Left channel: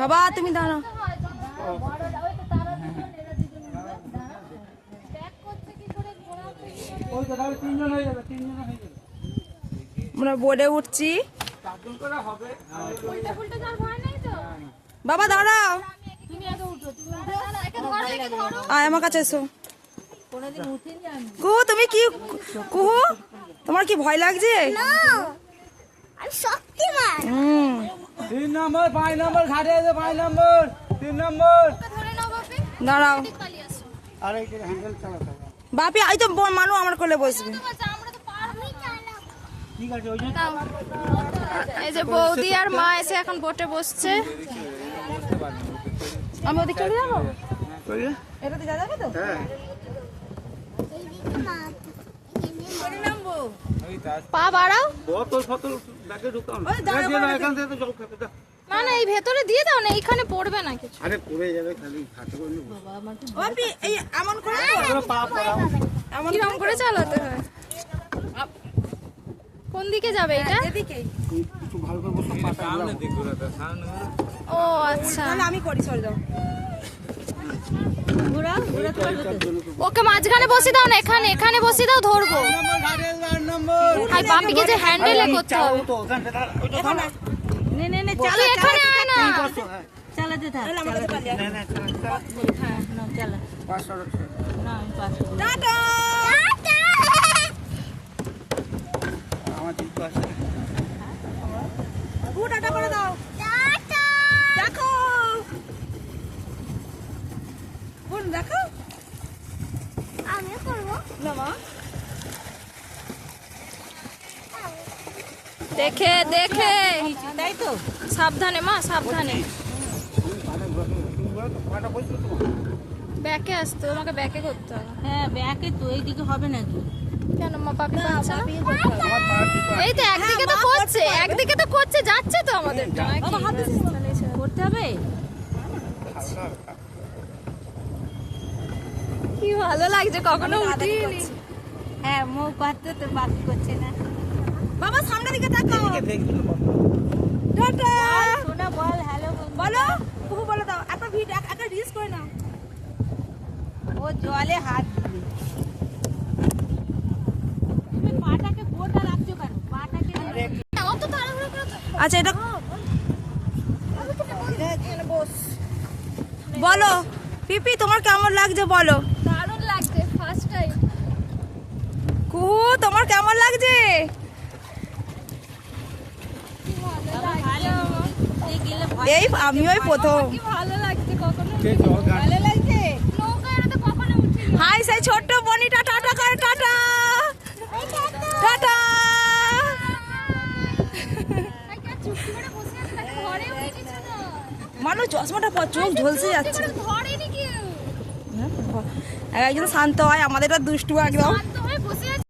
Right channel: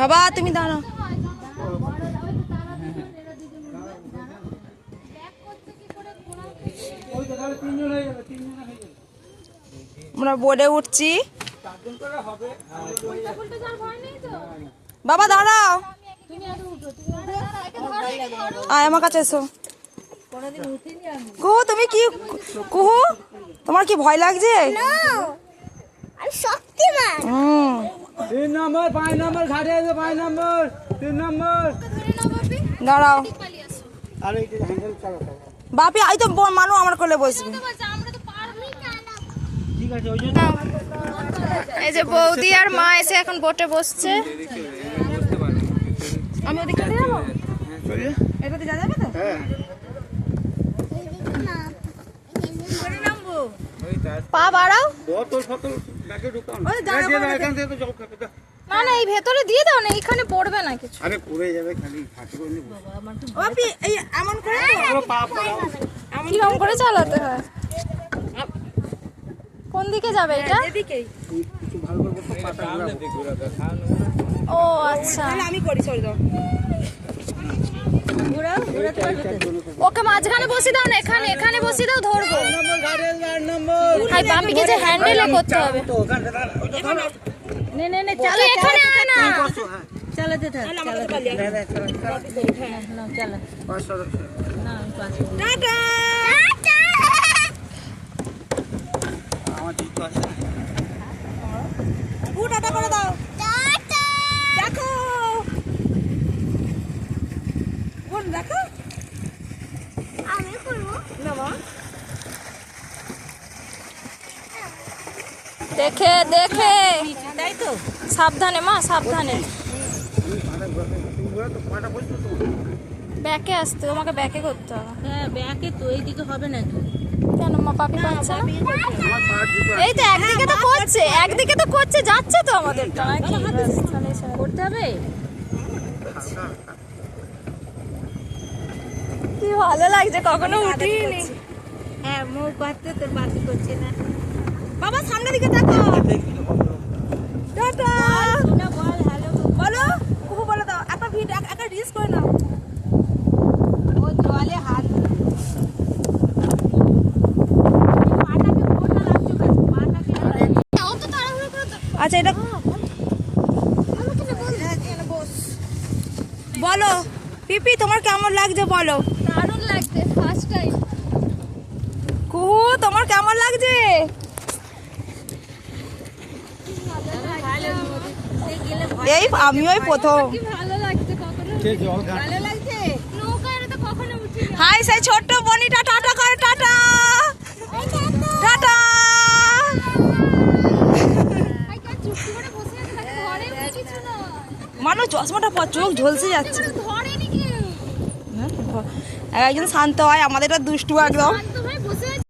বাবা তুমি দাঁড়াও। আমরা বোর্ডে উঠছি। বাবা দাঁড়াও, আয় আমার কাছে এসো। কুহু তুমি কি, কুহু তোমার কি ভয় লাগছে? দাঁড়াও বাপি, এই তো মানু আমার কোলে বসবে। এই যে বৌদি আর মা এসে এখন বোটে বসছে। আমি ওদিকে যাবো, এটাতে যা যাবে তো। পা বাড়াও, না না এই ভেতরে দিয়ে দাও না, এইখানে পড়বে না কিছু। আরে পড়ে যাবে খালি এমন করে কিরকম করে চালাতে হয়? কোন দিকে যাবে এটা? এদিকেই। ও আচ্ছা, আমি করি, সরি দাও। ওকে মাঝখানে বসে দাও না, এখানে বসে দাও, ধরবো। হাই বাপিকে যে হ্যান্ডেলে করতে হবে। নে চলো, এখানে আয় না, চালাতে থাক, টাটা। টাটা করে দাও, দেখো দেখো, আমি করবো দেখে দেখে, তাই তো, সাবধানে মা, সাবধানে। ব্যাকে আসতে, তোমাকে ব্যাকে করতে হবে। হ্যাঁ ব্যাকে তো, এইদিকে হবে না কেন মা? পাপি পাচ্ছে না? এই তো একদিকে তো করছে, যাচ্ছে তো আমাদের করতে হবে। কি ভালো লাগছে, কখনো উঠিনি। হ্যাঁ মুখ বাড়তে তো বাকি করছে না। বাবা সামনের দিকে তাকো, বল হ্যালো বলো কুহু, বলে দাও একটা ভিডিও, একটা রিলস করে নাও। ও জলে হাত পাটাকে কোটা লাগছো কেন? পাটাকে আচ্ছা এটা বলো পিপি, তোমার কেমন লাগছে বলো? দারুণ লাগছে, ফার্স্ট টাইম। কুহু তোমার কেমন লাগছে? এই আমিও প্রথম। ভালো লাগছে, কখনো ভালো লাগছে। হাই সেই ছোট্ট বনিটা টাটা করে, টাটা টাটা। মানুষ চশমাটা পর, চোখ ঝলসে যাচ্ছে। একজন শান্ত হয়, আমাদের দুষ্টু একদম।